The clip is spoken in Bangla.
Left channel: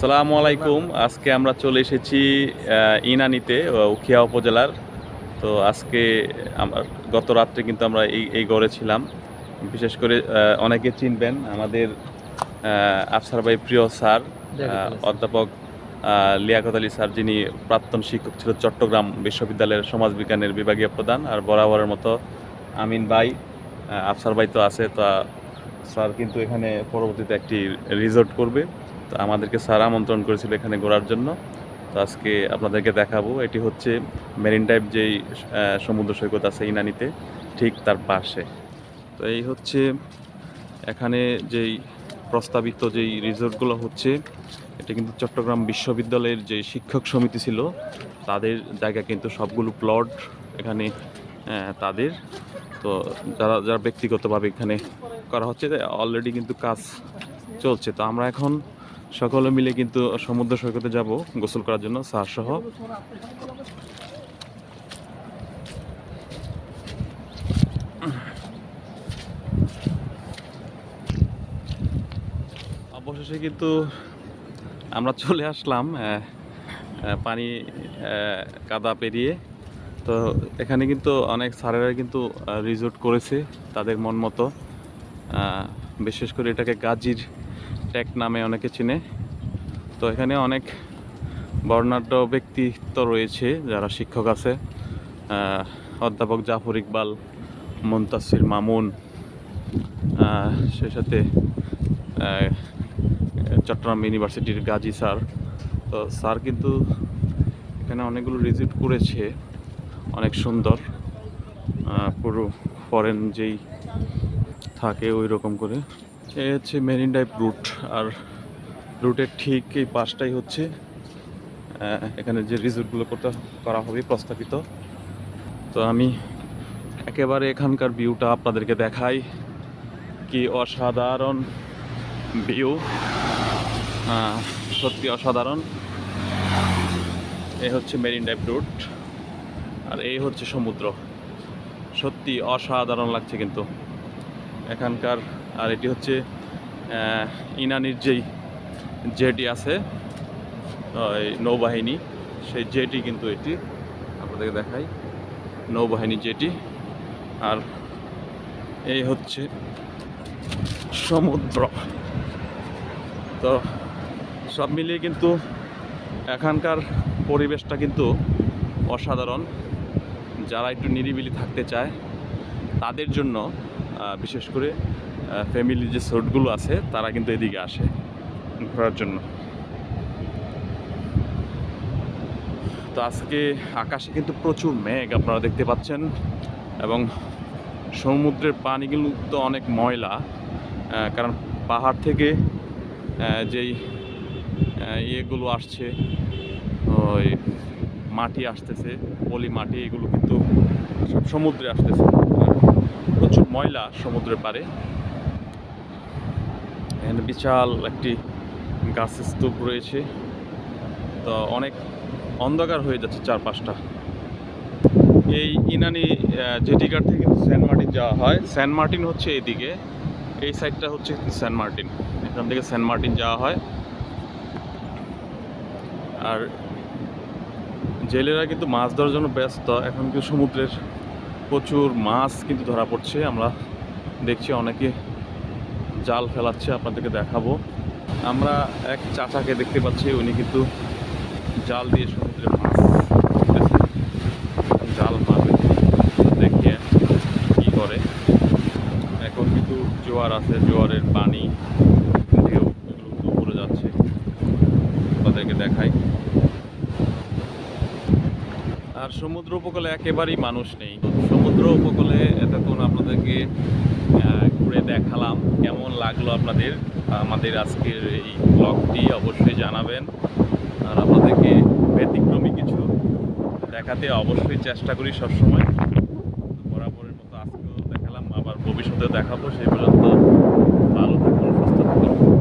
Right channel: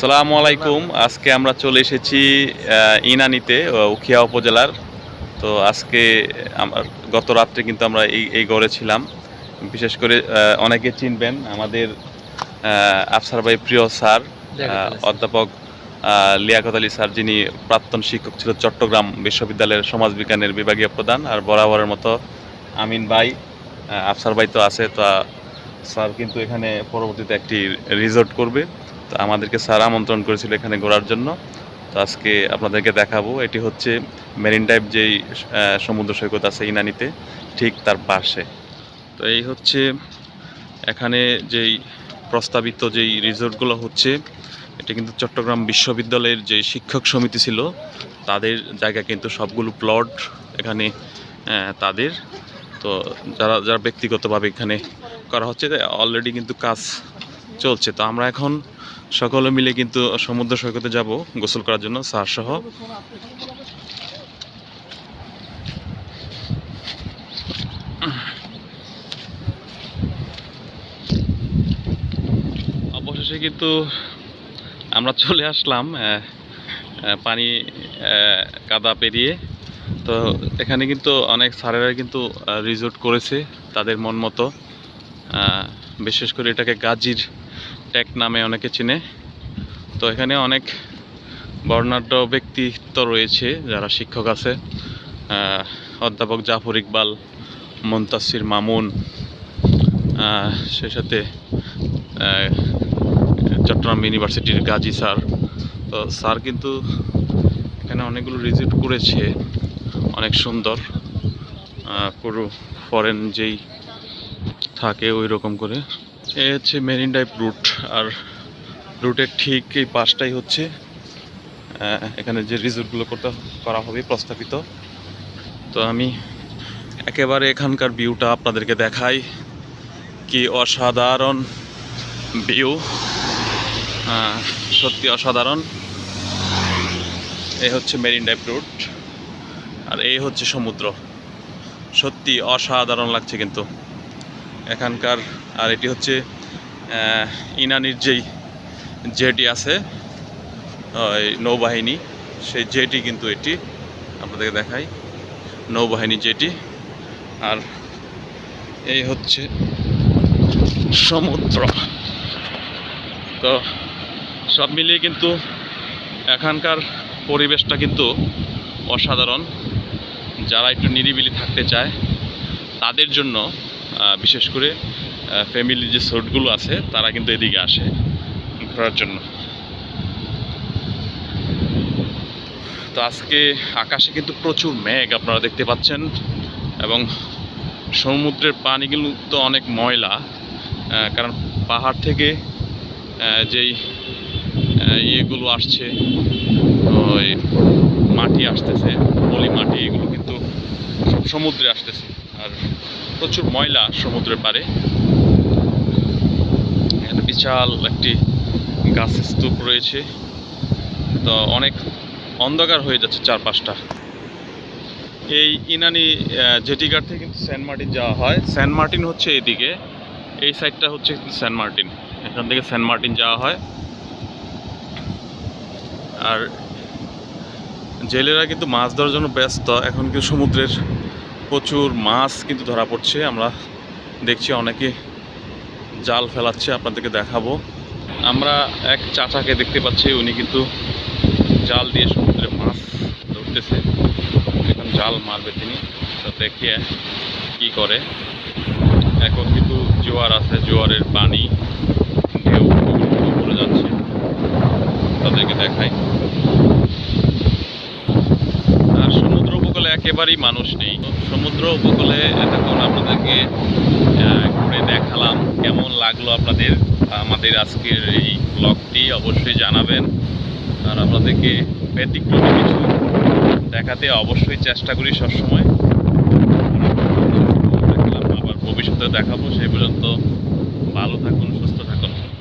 আসসালামু আলাইকুম। আজকে আমরা চলে এসেছি ইনানিতে উখিয়া উপজেলার। তো আজকে আমার গত রাত্রে কিন্তু আমরা এই এই গড়ে ছিলাম। বিশেষ করে অনেকে চিনবেন আমাদের আফসার ভাই প্রিয় স্যার অধ্যাপক লিয়াকত আলী স্যার যিনি প্রাক্তন শিক্ষক ছিল চট্টগ্রাম বিশ্ববিদ্যালয়ের সমাজবিজ্ঞানের বিভাগীয় প্রধান আর বরাবরের মতো আমিন ভাই আফসার ভাই তো আছে। তো স্যার কিন্তু এখানে পরবর্তীতে একটি রিসোর্ট করবে। তো আমাদেরকে স্যার আমন্ত্রণ করেছিল এখানে ঘোরার জন্য। তো আজকে আপনাদেরকে দেখাবো, এটি হচ্ছে মেরিন টাইপ যেই সমুদ্র সৈকত আছে ইনানিতে, ঠিক তার পাশে। তো এই হচ্ছে এখানে যেই প্রস্তাবিত যেই রিসোর্টগুলো হচ্ছে, এটা কিন্তু চট্টগ্রাম বিশ্ববিদ্যালয়ের যে শিক্ষক সমিতি ছিল, তাদের জায়গা কিন্তু সবগুলো প্লট এখানে তাদের। তো যারা যারা ব্যক্তিগতভাবে এখানে করা হচ্ছে অলরেডি কিন্তু কাজ চলছে। তো আমরা এখন সকলে মিলে কিন্তু সমুদ্র সৈকতে যাব গোসল করার জন্য, স্যার সহ। অবশেষে কিন্তু আমরা চলে আসলাম পানি কাদা পেরিয়ে। তো এখানে কিন্তু অনেক স্যারেরা কিন্তু রিজোর্ট করেছে তাদের মন মতো। বিশেষ করে এটাকে গাজীর ট্যাক নামে অনেকে চিনে। তো এখানে অনেক বর্ণাঢ্য ব্যক্তিত্ব রয়েছে যারা শিক্ষক আছে। অধ্যাপক জাফর ইকবাল, মন্তাসির মামুন সেই সাথে চট্টগ্রাম ইউনিভার্সিটির গাজী স্যার। তো স্যার কিন্তু এখানে অনেকগুলো রিজিট করেছে, অনেক সুন্দর। পুরো ফরেন যেই থাকে ওই রকম করে। এ হচ্ছে মেরিন ড্রাইভ রুট আর রুটের ঠিক এই পাশটাই হচ্ছে এখানে যে রিসোর্টগুলো করতে করা হবে, প্রস্তাবিত। তো আমি একেবারে এখানকার ভিউটা আপনাদেরকে দেখাই। কি অসাধারণ ভিউ সত্যি অসাধারণ। এই হচ্ছে মেরিন ড্রাইভ রুট আর এই হচ্ছে সমুদ্র। সত্যি অসাধারণ লাগছে কিন্তু। এখানকার আর এটি হচ্ছে ইনানির যেই জেটি আছে নৌবাহিনী, সেই জেটি কিন্তু এটি। আপনাদেরকে দেখাই, নৌবাহিনী জেটি আর এই হচ্ছে সমুদ্র। তো সব মিলিয়ে কিন্তু এখানকার পরিবেশটা কিন্তু অসাধারণ। যারা একটু নিরিবিলি থাকতে চায়, তাদের জন্য বিশেষ করে ফ্যামিলি যে সোটগুলো আছে, তারা কিন্তু এদিকে আসে ঘোরার জন্য। তো আজকে আকাশে কিন্তু প্রচুর মেঘ আপনারা দেখতে পাচ্ছেন, এবং সমুদ্রের পানিগুলো তো অনেক ময়লা কারণ পাহাড় থেকে যেই ইয়েগুলো আসছে, ওই মাটি আসতেছে, পলি মাটি, এগুলো কিন্তু সমুদ্রে আসতেছে। আর প্রচুর ময়লা সমুদ্রের পাড়ে। এখানে বিশাল একটি গাছের স্তূপ রয়েছে। তো অনেক অন্ধকার হয়ে যাচ্ছে চারপাশটা। এই ইনানি জেটিঘাট থেকে কিন্তু সেন্ট মার্টিন যাওয়া হয়। সেন্ট মার্টিন হচ্ছে এদিকে। এই সাইডটা হচ্ছে সেন্ট মার্টিন। এখান থেকে সেন্ট মার্টিন যাওয়া হয়। আর জেলেরা কিন্তু মাছ ধরার জন্য ব্যস্ত। এখন কিন্তু সমুদ্রের প্রচুর মাছ কিন্তু ধরা পড়ছে। আমরা দেখছি অনেকে জাল ফেলাচ্ছে, আপনাদেরকে দেখাবো। আমরা এক চাচাকে দেখতে পাচ্ছি, উনি কিন্তু জাল দিয়ে সমুদ্রে মাছ ধরতেছে। এখন জাল মারবে তিনি। তো দেখিয়ে কি করে। এখন কিন্তু জোয়ার আছে, জোয়ারের পানি ঢেউ উপরে যাচ্ছে। তাদেরকে দেখাই। আর সমুদ্র উপকূলে একেবারেই মানুষ নেই। সমুদ্র উপকূলে এতক্ষণ আপনাদেরকে ঘুরে দেখালাম। লাগল আপনাদের, আমাদের আজকের এই ব্লগটি অবশ্যই জানাবেন। আর আপনাদেরকে ব্যতিক্রমী কিছু দেখাতে অবশ্যই চেষ্টা করি সবসময়। দেখলাম আবার ভবিষ্যতে দেখাবো, সেই পর্যন্ত ভালো থাকুন, সুস্থ থাকুন।